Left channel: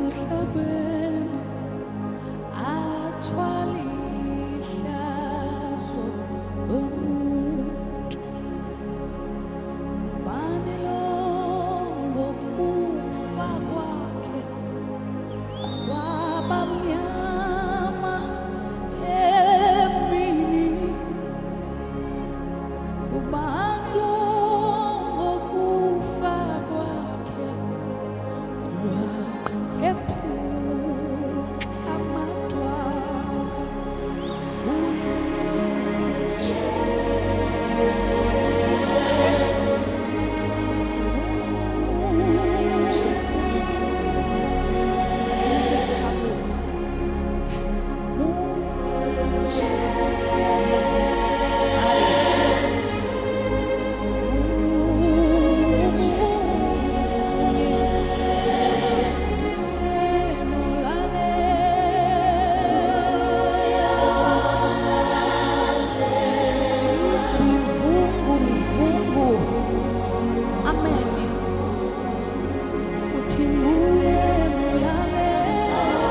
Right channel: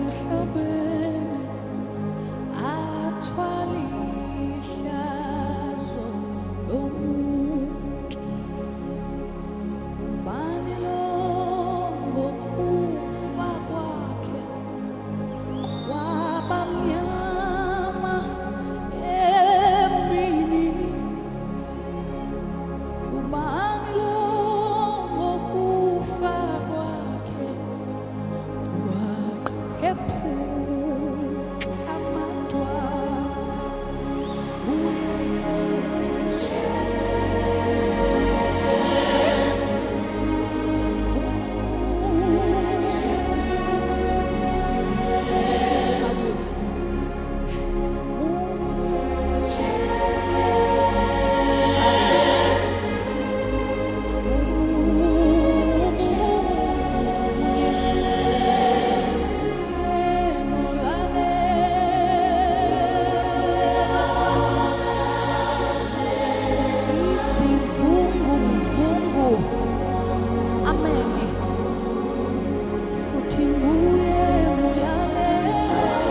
Emhlabeni athwala ihlazo lomuntu, ubani lo ngokufa kwakhe kwabamnyama emini, ubani lo ngokufa kwakhe kwaqephuka amadwala uye Amen. Futhi nguye nolalela,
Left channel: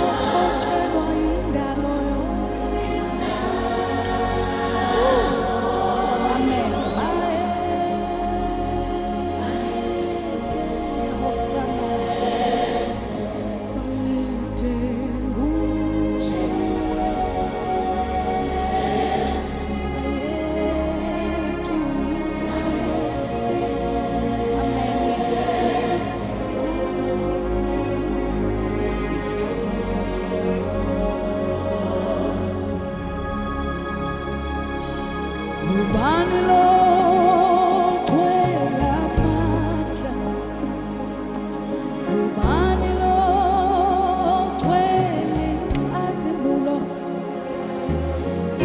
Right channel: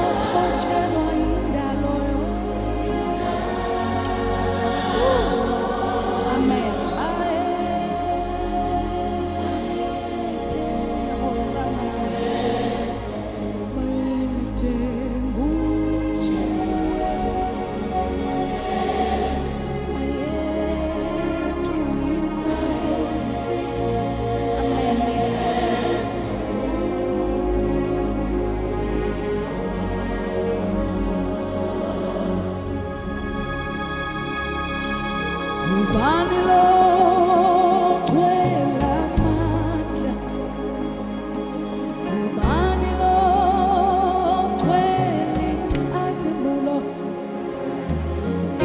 othotshelwa indalo yonke. Amen. Baete Hosanna, baete nguye. Ubani lo gwela amandla, ubani lo gwela inkazimulo,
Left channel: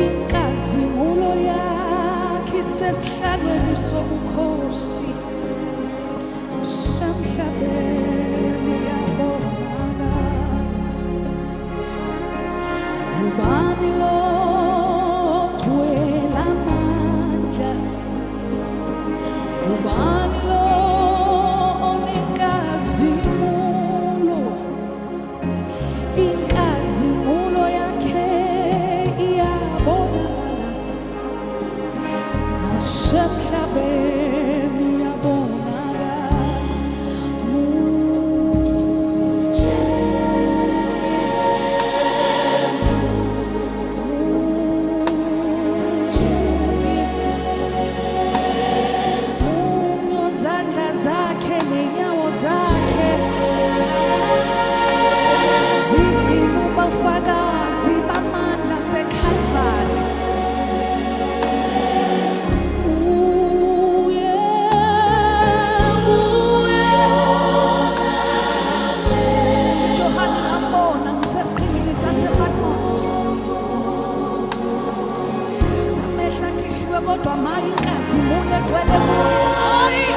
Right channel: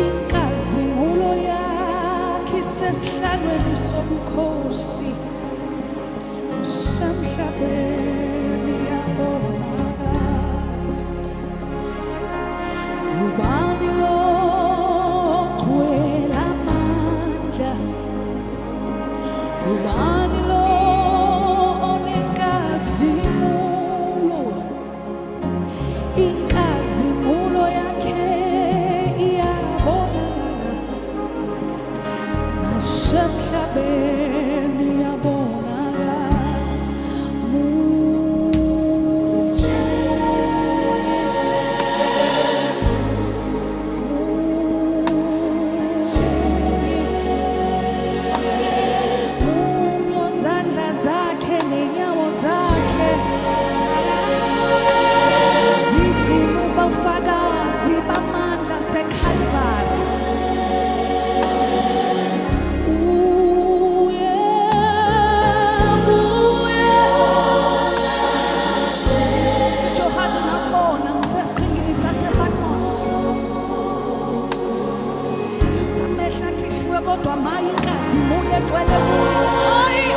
inkazimulo yakhe isesihlalweni sobukhosi, semhlabeni yabonakala. Ubani lo gwela amandla, ubani lo onenkazimulo, inkazimulo yakhe iyabonakala, nasemhlabeni yabonakala. Nenyawo zakhe zigcina ubufakazi bamandla seKalvari. Johan ngambona ngisesiqhingini sasePatmos, amehlo akhishiwe kodwa maye inkazimulo egcwele kuye. Ayi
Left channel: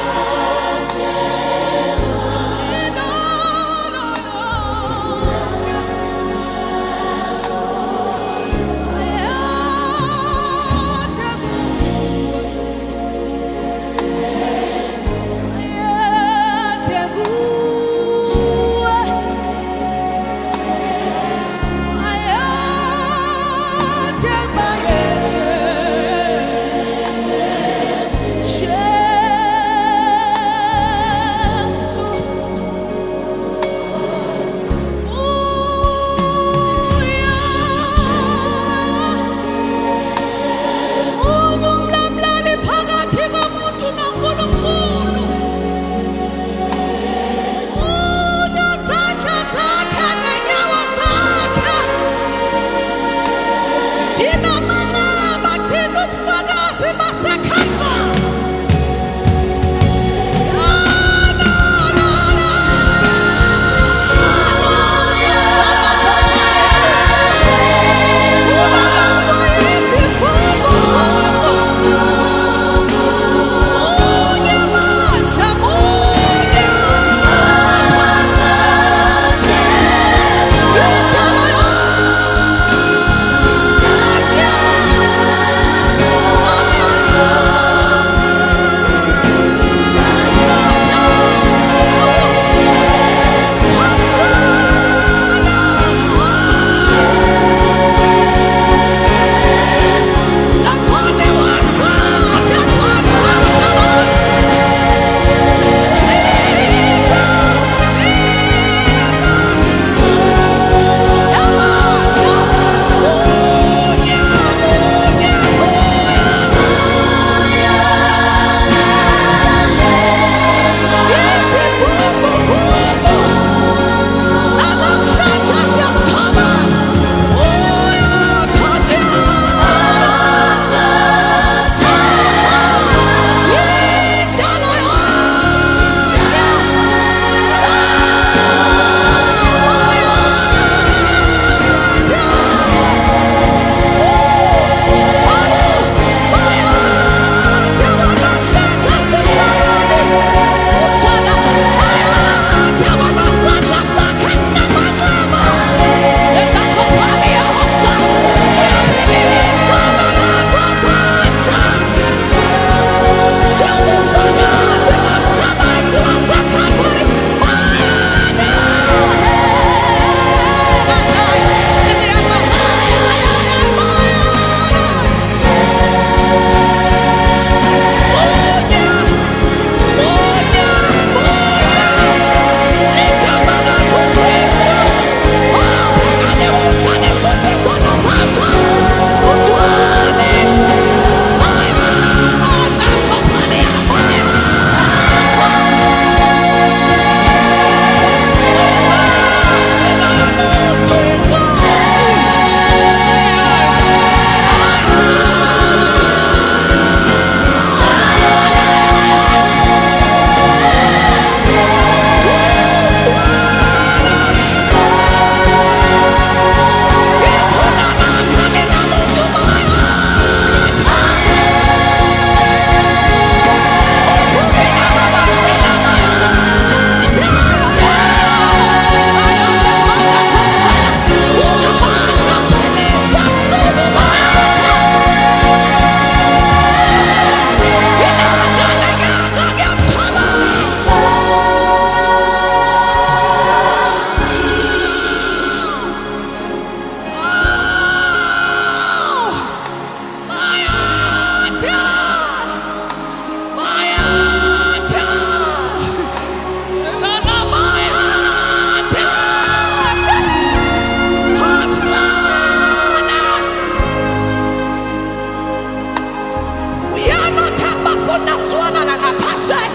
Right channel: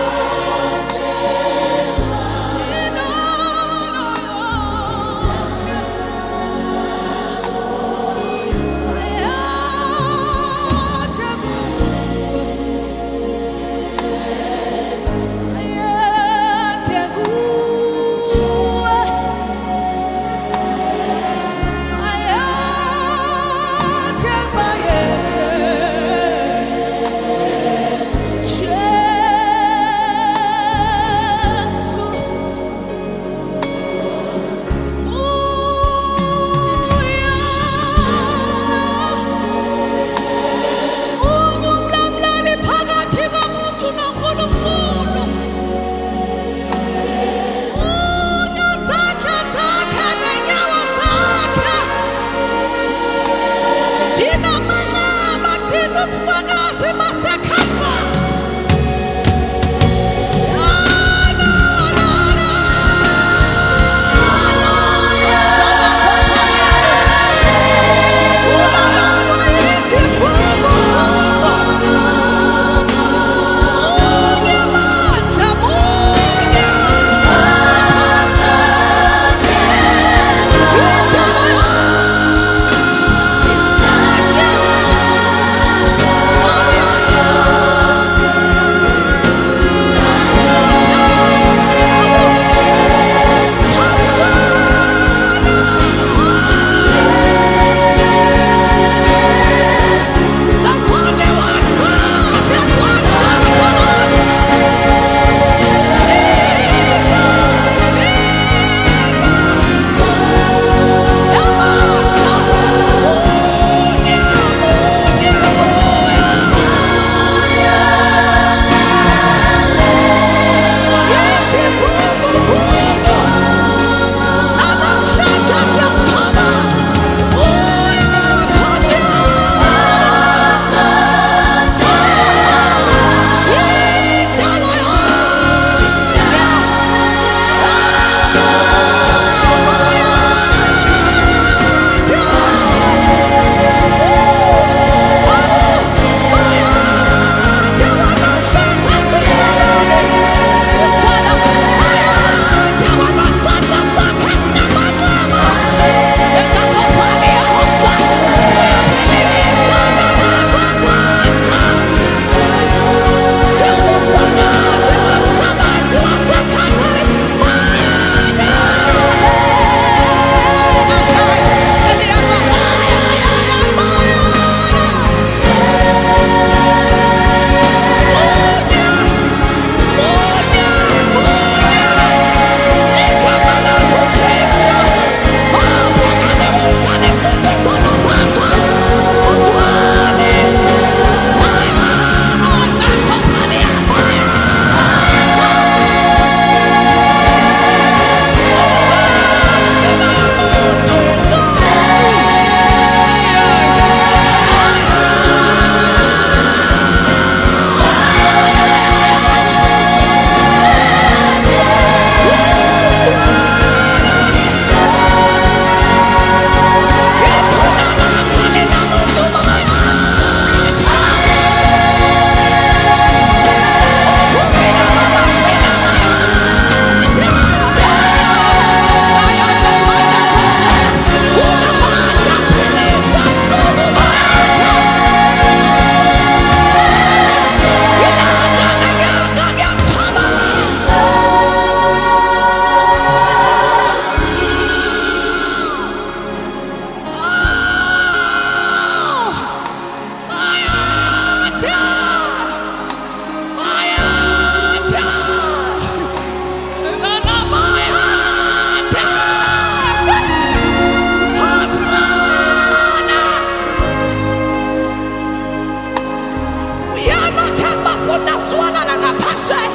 bafuna swalala ngaphasheya,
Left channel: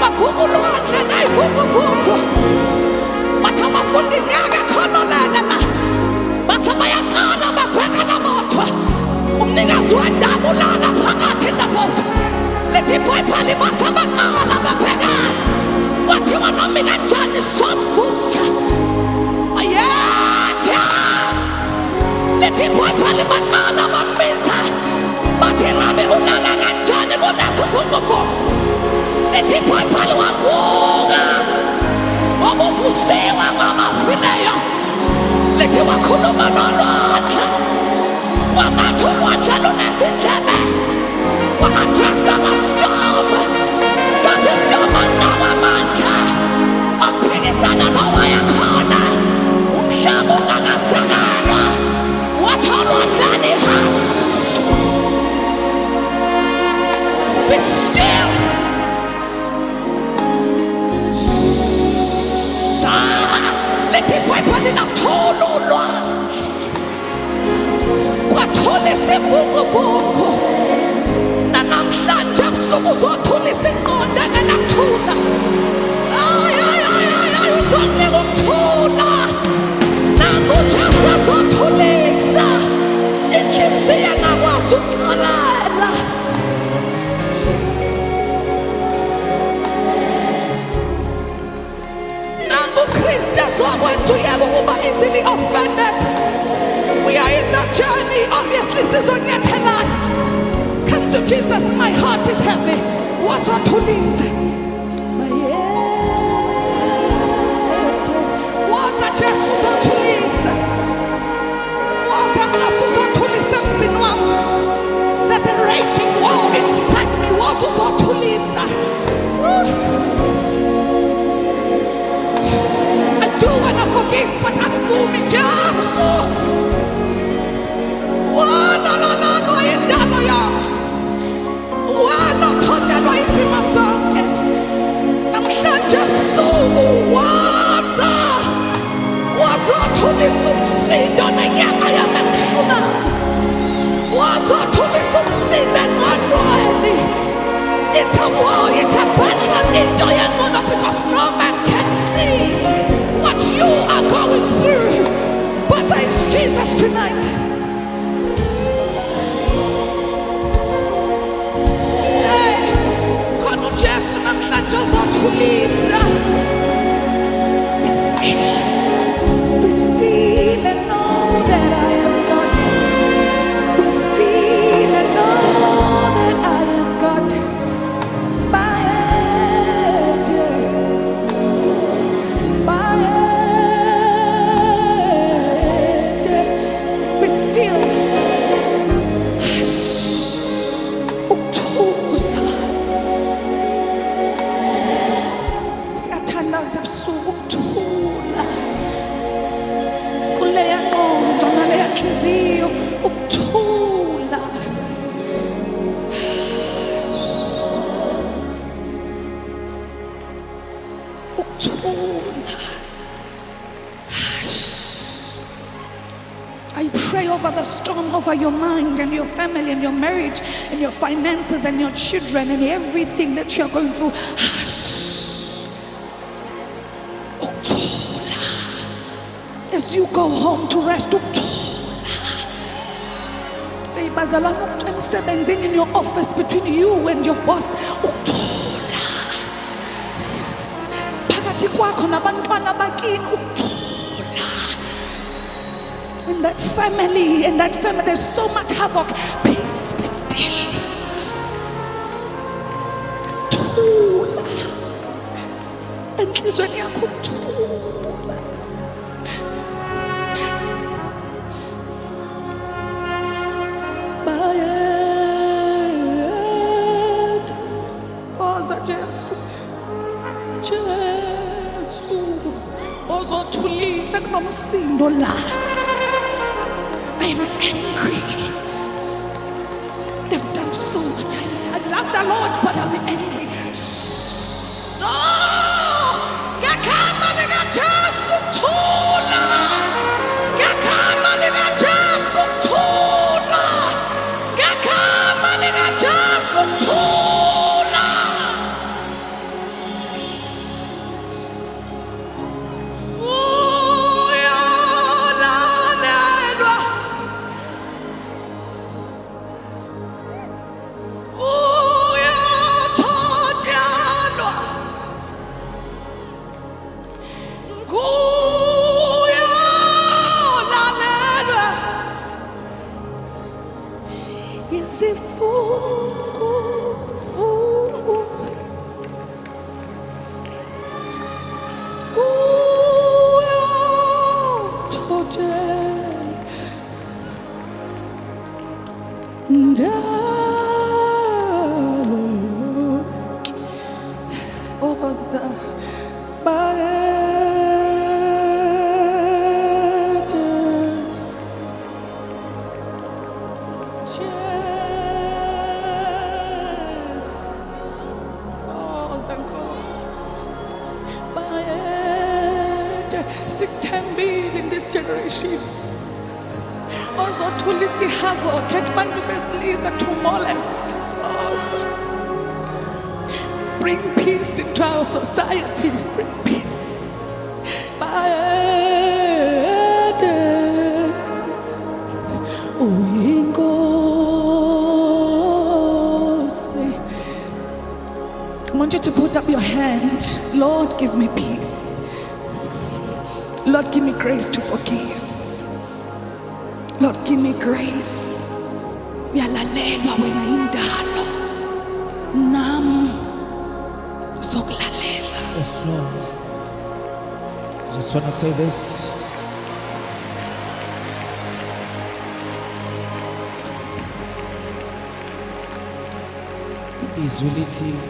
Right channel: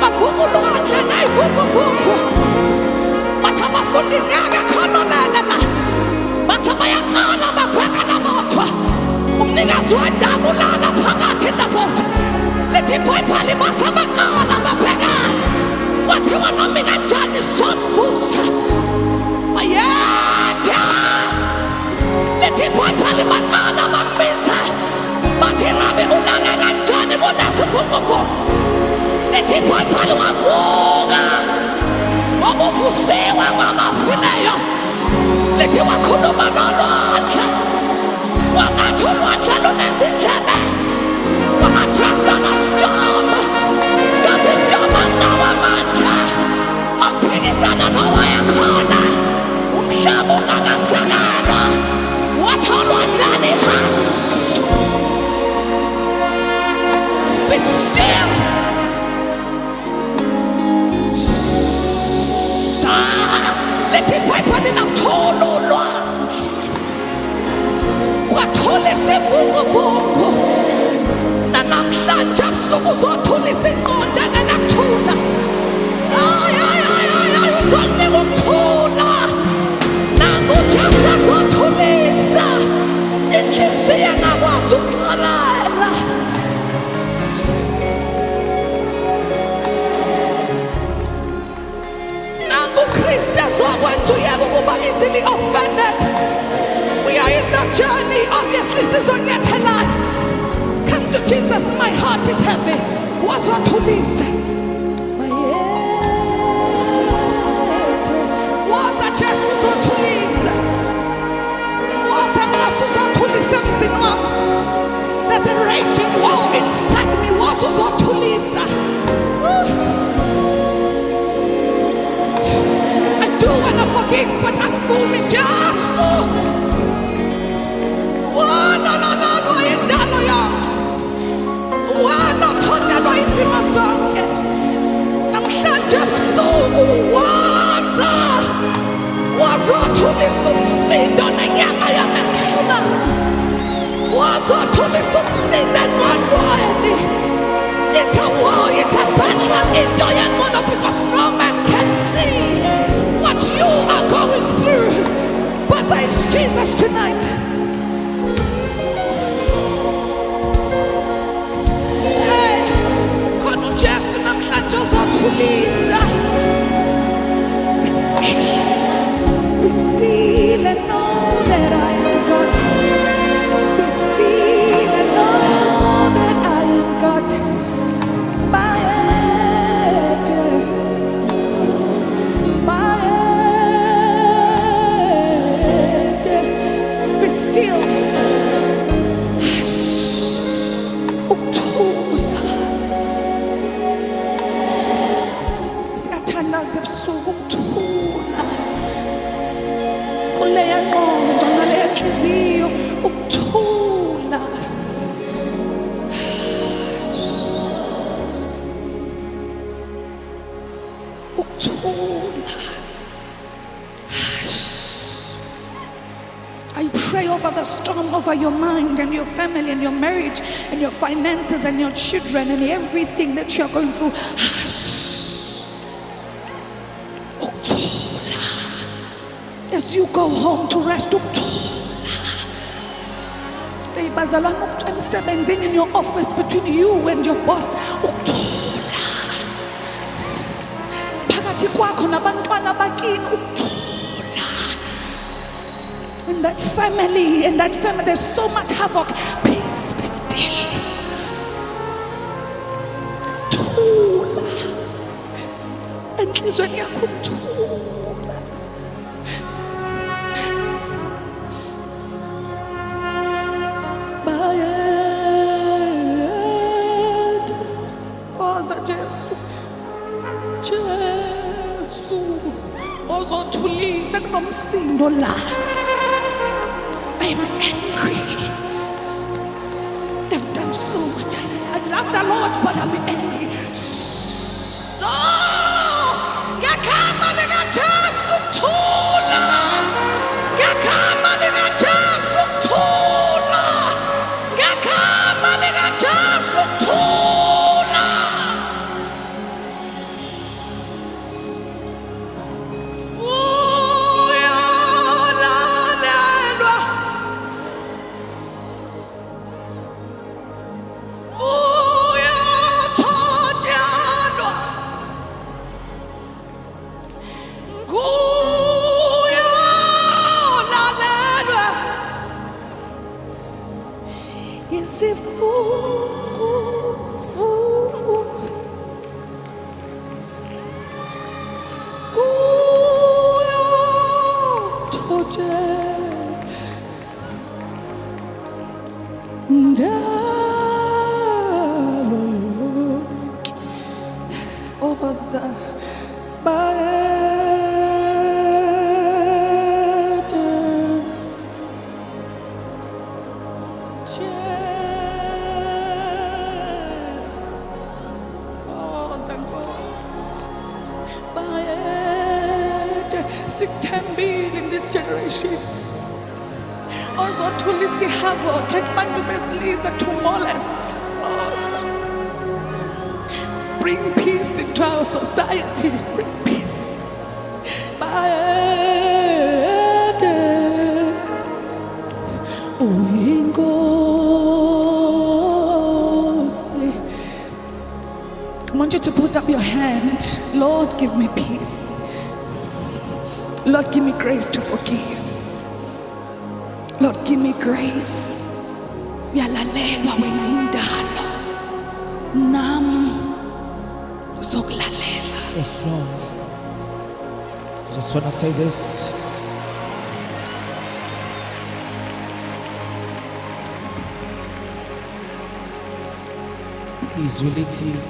bavuka ulwandle nayivunguvungu, bathi abafundi ngeke khonolele la, base bayaqala babheka namothwa, umnikazi wendawo ulala phakathi in the boat. Lithi iBhayibheli base baqala babheka, kwathiwa noma kanjani somvusa ayetha. Lithi iBhayibheli baqala bambiza, bathi Rabi ulala kanjani kunesivunguvungu. Lithi iBhayibheli wavuka wabuvusiwa kwabafileyo. Lithi wakhuluma nolwandle, kwangathi ulwandle lunezindlebe, wa-addressa storm. Sathi storm anawo amandla okuphikisana nowayekhona, umhlaba ungakasekelwa, wathi olwandleni hush, be still. Lithi iBhayibheli lathola ulwandle, kwathola isivunguvungu. Namhlanje ebusuku uzothulisa inqondane nakuthula. Ay, uzokunika ukuthula. Nangu uJesu azothulisa inhliziyo engakwazi ukuxolela. Nangu uKristu azokwenza uyeke ukuba easily offended. We are in the journey, obviously sizonyathelana. Come to Jesus, my heart is heavy. Wazothulisa. Waza Jesu uzothulisa. Waza Nkosi uzothulisa emzini wami. There's a raging war inside me. Waza uzothulisa. I do want to forgive, but angivumi Jesu. No, indalo yonke. Wanothotshelwa izimo zonke. Namhlanje ebusuku wazothulisa umsindo nenyama yami engihlulayo. Wazothulisa umsindo engqondweni. It's a war, it's a battle into your because no man can see what you are going through. But there is Jesus tonight. Khona uJesu namhlanje uzothulisa. Be still, be still and know that I am God. Be still and know that I am God. Be still. Siyathandaza ebusuku ukuthula kuleya ngqondo naleya nhliziyo, ukuthula. Ukuthula. I pray over the storm, over your mind and your family and your marriage and your finances and your children and everything that you're going through. As you go home to rest, in your office, between you and your boss, in that family, there's so much havoc. Peace, be still. Thula. Enhlizweni yakho ukuthula. Oza Jesu. Jesu. Ozothulisa kunomsindo la. I'm angry. They've done so much. I love the Lord, but I'm angry. Ngakama lika Jesu kuthula. Ngakama lika Jesu kuthula. Ngakama lika Jesu kuthula. Sikuthembile in this generation. Ozothulisa havoc kubantu besilisa to molest. Bring peace into our society. Bring peace. I want you to put up your hand. Lord, give me peace. Lord, give me grace to forgive. Lord, give me grace. Yalalelwa wena indalo. Nam zokulalela. Yes, Lord. I just want to say this. Izwi lithi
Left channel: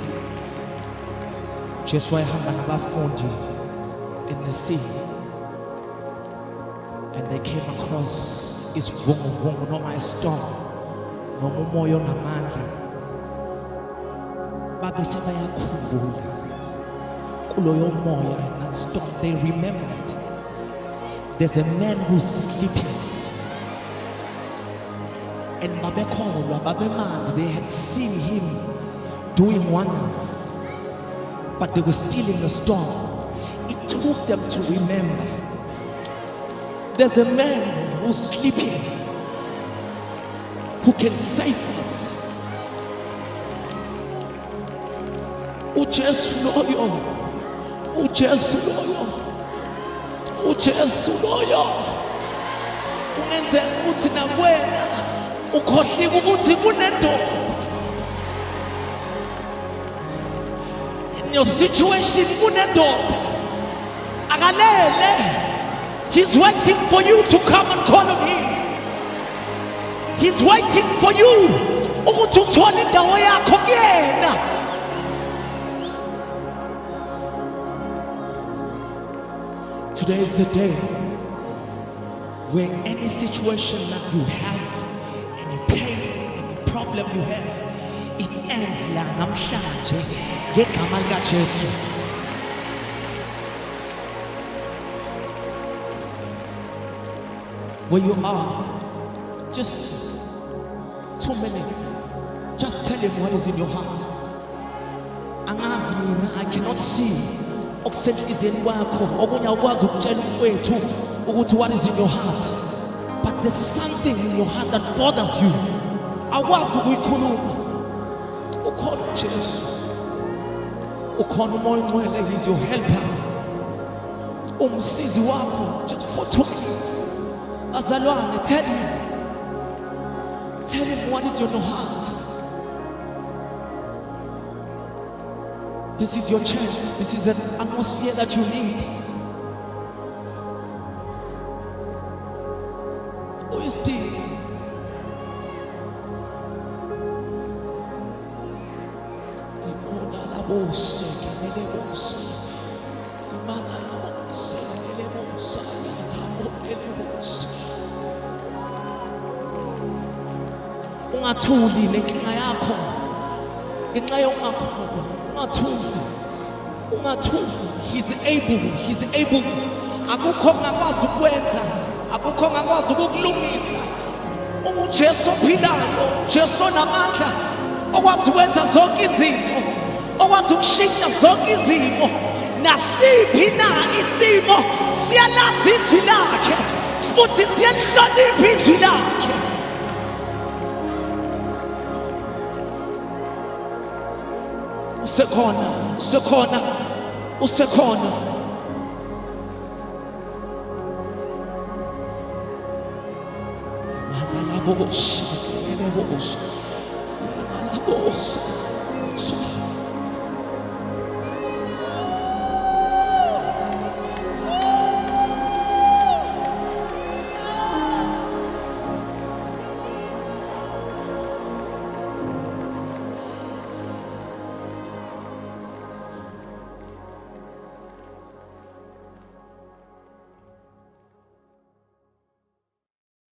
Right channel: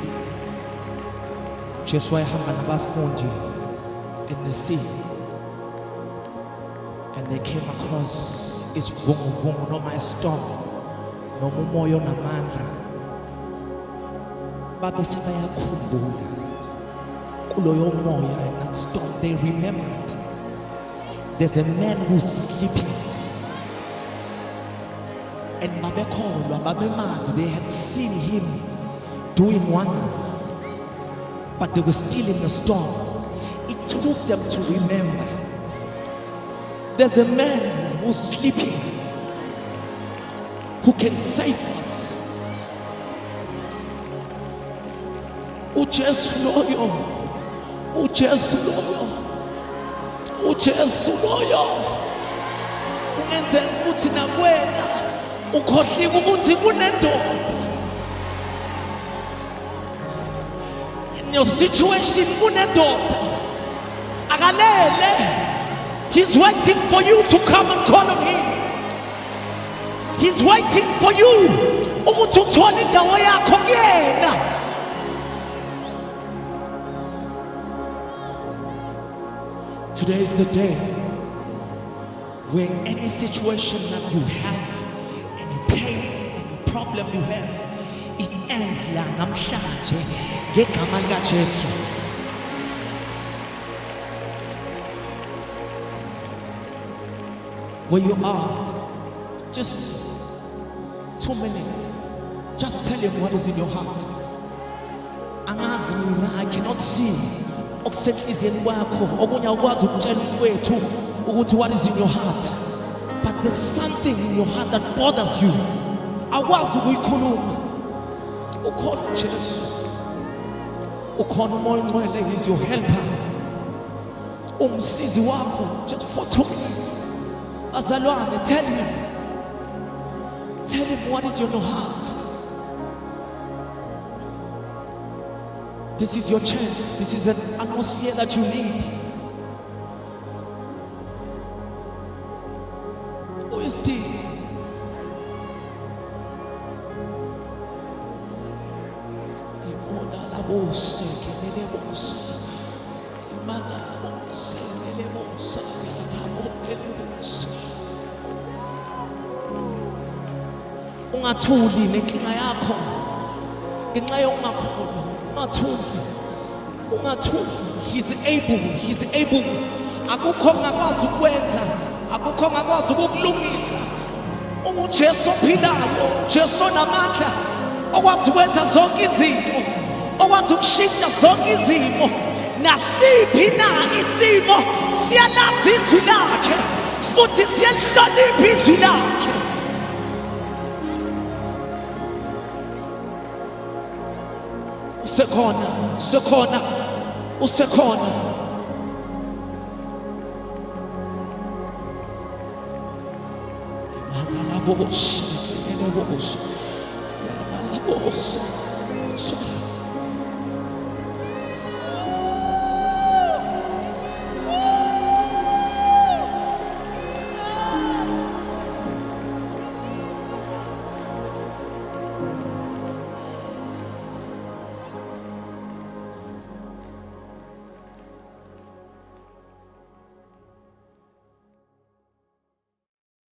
just wayehamba nabafundi in the sea, and they came across isivunguvungu noma istorm noma umoya onamandla. Babe sebayakhumbula kuloyo moya and that storm. They remembered there's a man who's sleeping, and babekholwa babemazi. They had seen him doing wonders, but they were still in the storm. It took them to remember there's a man who's sleeping who can save us. uJesu loyo, uJesu loyo, uJesu loyo. Kungenzeka ukuthi nakwena ukhohlika ukuthi kunendoda. In your situation kunendoda. Akalele. He's waiting for you to come and call on him. He's waiting for you ukuthi uthole indawo yakho kuyena. Today is the day where any situation that you have, any pain, any problem you have, it ends la namhlanje ngegama lika Jesu. Where you are, just 2 minutes, just tell him what is in your heart. Angazi mina, I cannot see okusenhliziyeni kwakho, okunye ukwazi ukutshela umfowethu ukuthi what is in your heart, but there's something in your heart that bothers you. Awukwazi ukuyikhuluma. Ukhona uJesu, ukhona uMoya Ngcwele. He's your helper, umsizi wakho, just for 2 minutes. Azalwane, tell him what is in your heart. This is your chance. This is an atmosphere that you need. Who is still? Ungathuli nenkinga yakho ngenxa yokungakholwa. Ungathuli. He's able. Akukho ongakwazi ukwenza, akukho ongakwazi ukukulungisa. UJesu ophilayo, uJesu onamandla, okwazi ukwenza zonke izinto, okwazi ukushintsha zonke izimo. Nasiphi na isimo siyalazi izwi lakhe, futhi siyalihlonipha izwi lakhe. Usekhona. Imana la bose, kelele bose, yana la bose.